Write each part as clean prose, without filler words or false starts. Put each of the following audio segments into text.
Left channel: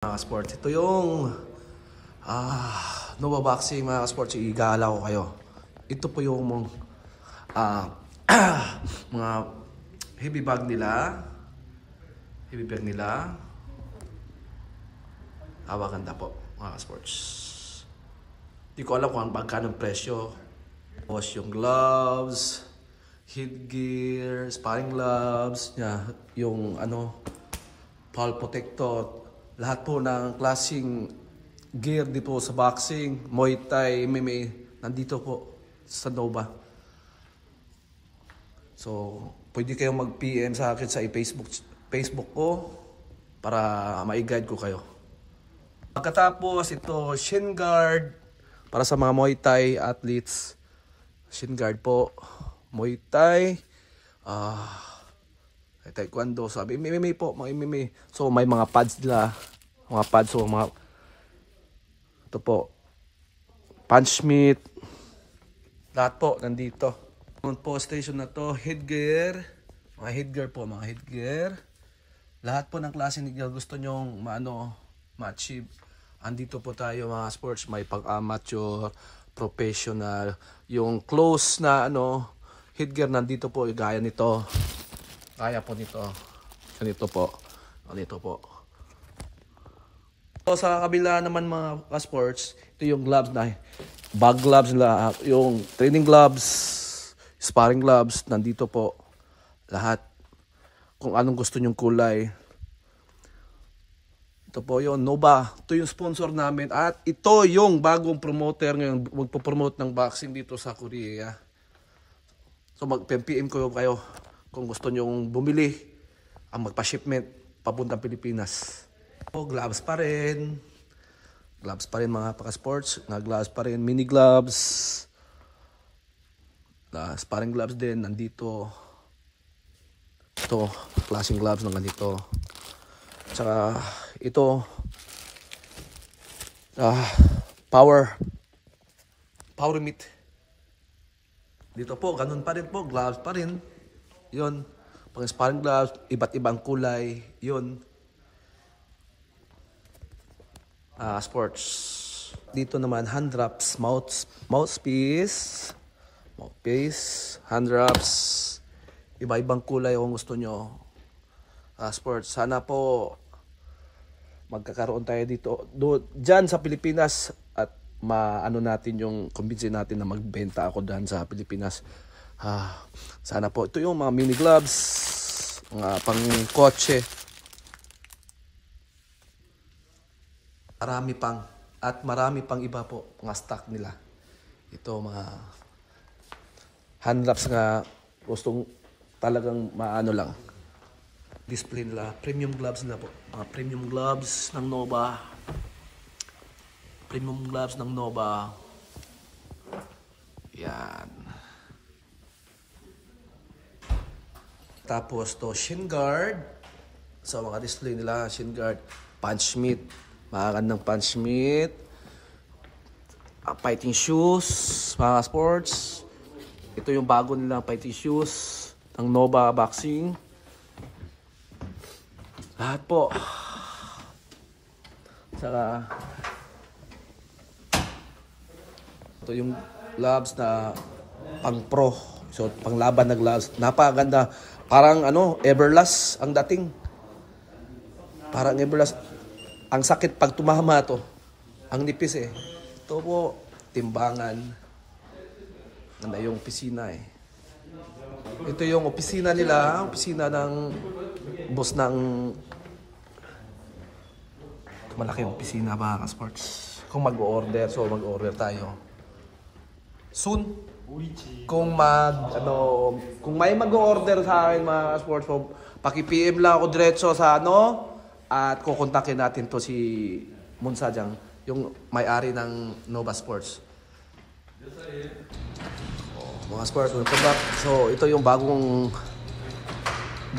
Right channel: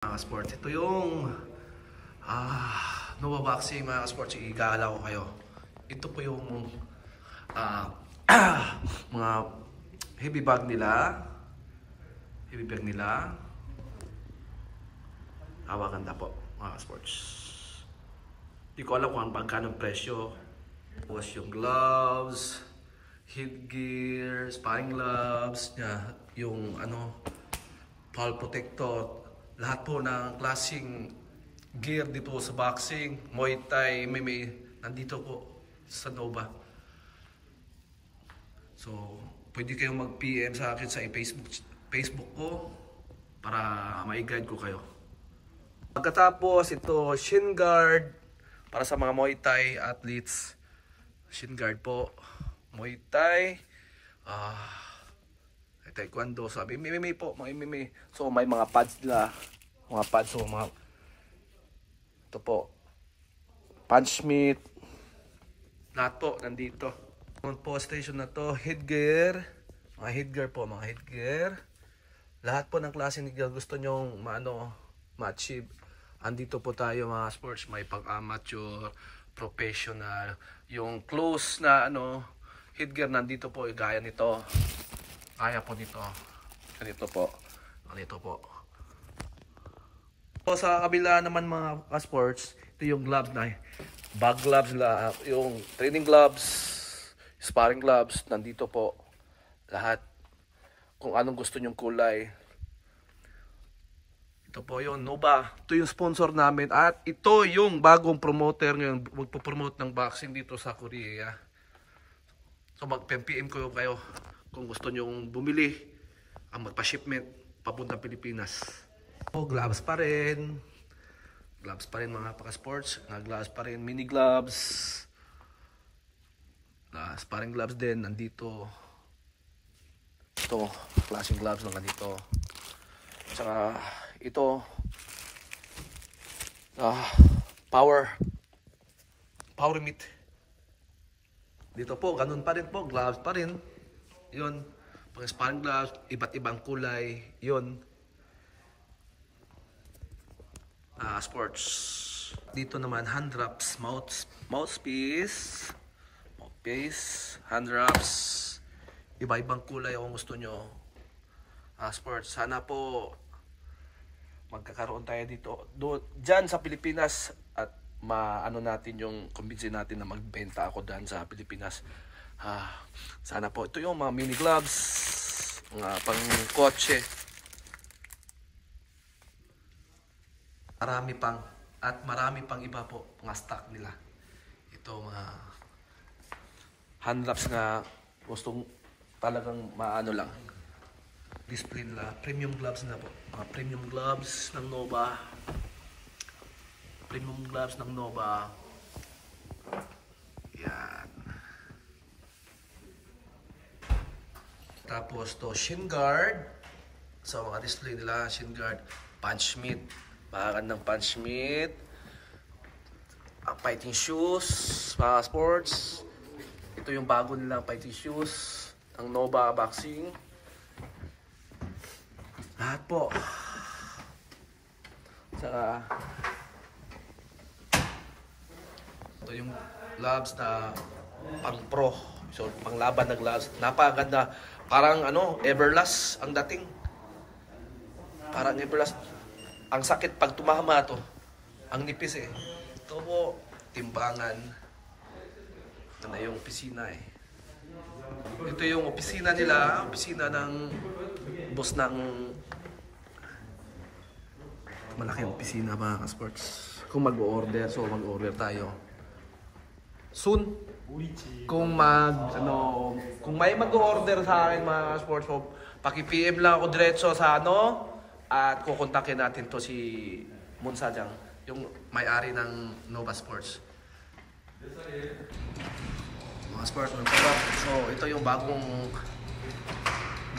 Mga sports, ito yung Nova Boxing mga sports, igala ko kayo. Ito po yung mga heavy bag nila. Ganda po mga sports. Hindi ko alam kung magkano presyo. Tapos yung gloves, headgear, sparring gloves, yung fall protector. Lahat po ng klaseng gear dito sa boxing, Muay Thai, MMA, nandito po sa Nova. So, pwede kayong mag-PM sa akin sa Facebook ko para ma-guide ko kayo. Pagkatapos, ito shin guard para sa mga Muay Thai athletes. Shin guard po, Muay Thai, Taekwondo, sabi MMA po, mga MMA. So may mga pads nila, so ito po, punch meat, lahat po nandito. Yung po station na to, headgear, mga headgear, lahat po ng klase ng gusto nyong ma-achieve. Andito po tayo mga sports, may pang-amateur, professional, yung close na headgear nandito po, gaya nito. Kaya po nito. Ganito po. So, sa kabila naman mga sports, ito yung gloves na bag gloves nila, yung training gloves, sparring gloves, nandito po. Lahat. Kung anong gusto nyong kulay. Ito po yung Nova. Ito yung sponsor namin. At ito yung bagong promoter ngayon. Magpo-promote ng boxing dito sa Korea. So mag-PM ko kayo kung gusto nyong bumili ang magpa-shipment papuntang Pilipinas. Gloves pa rin mga paka-sports, gloves pa rin, mini gloves, sparring gloves din nandito. Ito klaseng gloves na nandito. Tsaka ito power meat dito po, ganun pa rin po, gloves pa rin. Yun, pang sparring gloves, iba't ibang kulay, yun. Sports. Dito naman, hand wraps, mouthpiece, hand wraps, iba-ibang kulay kung gusto nyo. Sports, sana po magkakaroon tayo dito, dyan sa Pilipinas, at natin yung convince natin na magbenta ako dyan sa Pilipinas. Sana po. Ito yung mga mini gloves, mga pang kotse. Marami pang iba po, mga stock nila. Ito mga hand wraps nga gustong talagang lang. Display nila, premium gloves na po. Mga premium gloves ng Nova. Yan. Tapos to shin guard. Sa mga display nila, shin guard, punch meat, makakandang punch meat, fighting shoes, mga sports. Ito yung bago nila fighting shoes ng Nova Boxing. Lahat po. Saka ito yung gloves na pang pro. So panglaban na gloves. Napakaganda. Parang Everlast ang dating. Parang Everlast. Ang sakit pag tumama to. Ang nipis eh. Ito po, timbangan. Yung opisina eh. Ito yung opisina nila. Opisina ng boss ng malaki opisina mga ka-sports. Kung mag-order, so mag-order tayo. Soon. Kung may mag-order sa akin mga sports, so paki-PM lang ako diretso sa at kukontakin natin to si Monsajang, yung may-ari ng Nova Sports. Mga sports, so ito yung bagong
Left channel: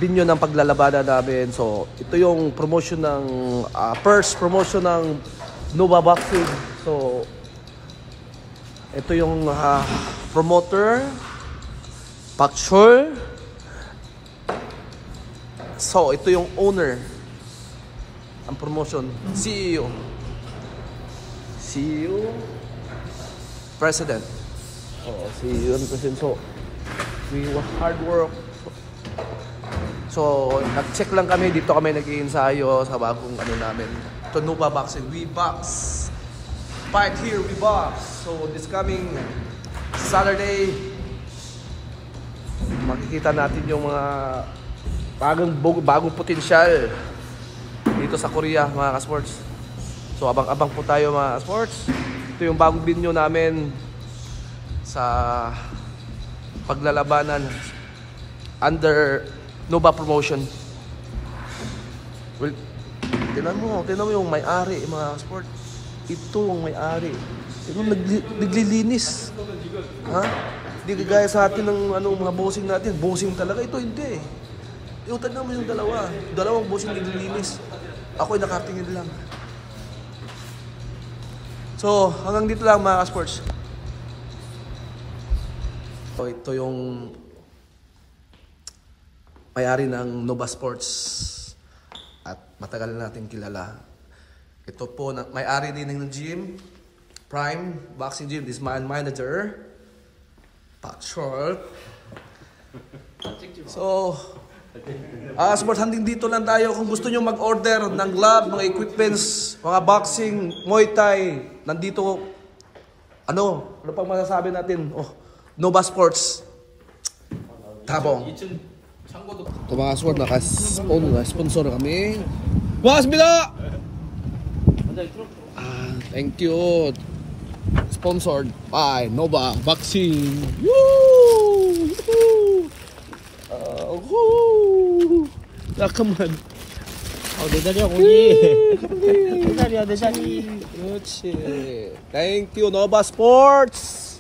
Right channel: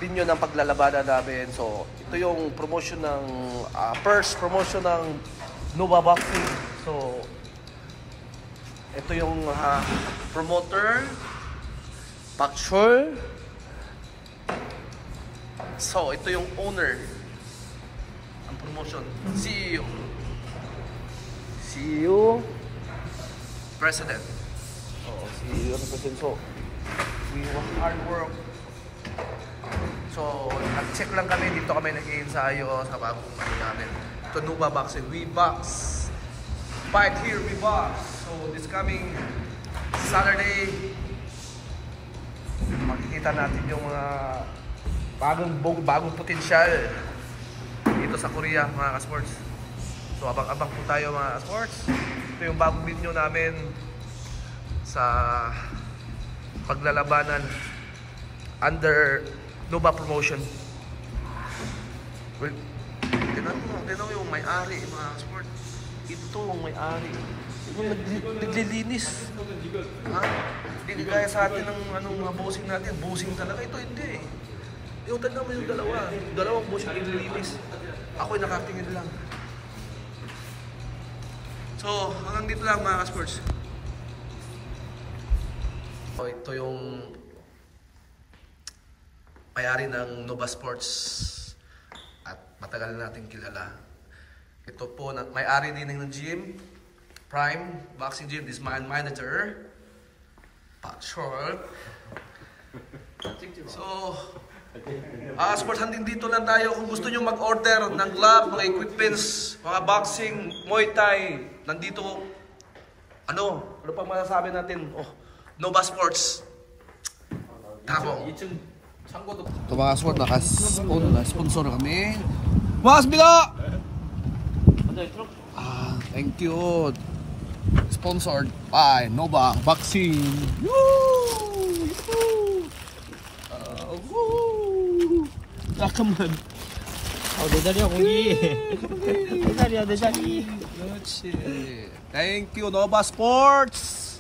video ng paglalabanan namin. So ito yung promotion ng first promotion ng Nova Boxing. So ito yung promoter, Pakshur. So ito yung owner. ang promotion. CEO. CEO. President. CEO and President. So, we work hard work. So, nag-check lang kami. Dito kami nag-iensayo sa bagong ano namin. Ito, Nova Boxing. We box. Fight here, we box. So, this coming Saturday, makikita natin yung mga bagong potensyal dito sa Korea, mga ka-sports. So, abang-abang po tayo, mga ka-sports. Ito yung bagong video namin sa paglalabanan under Nova Promotion. Well, tinan mo yung may-ari, mga sport. Ito ang may-ari. Naglilinis. Ha? Hindi gaya sa atin ng mga bossing natin. Bossing talaga. Ito hindi. Yung tignan mo yung dalawa. Dalawang bossing naglilinis. Ako'y nakatingin lang. So, hanggang dito lang, mga sports. So, ito yung may-ari ng Nova Sports at matagal na natin kilala. Ito po, may-ari din ng gym, Prime Boxing Gym. This is my manager, Pat Short. So, sports, hanggang dito lang tayo. Kung gusto nyo mag-order ng glove, mga equipments, mga boxing, Muay Thai, nandito, ano pang masasabi natin? Nova Sports. Tabong. Ito mga sport, naka-sponsor kami. Wasbila! Thank you. Sponsored by Nova Boxing. Woo! Woo! Come on. 내 자리야 거기. 내 자리야 내 자리. 그렇지. Thank you, Nova Sports.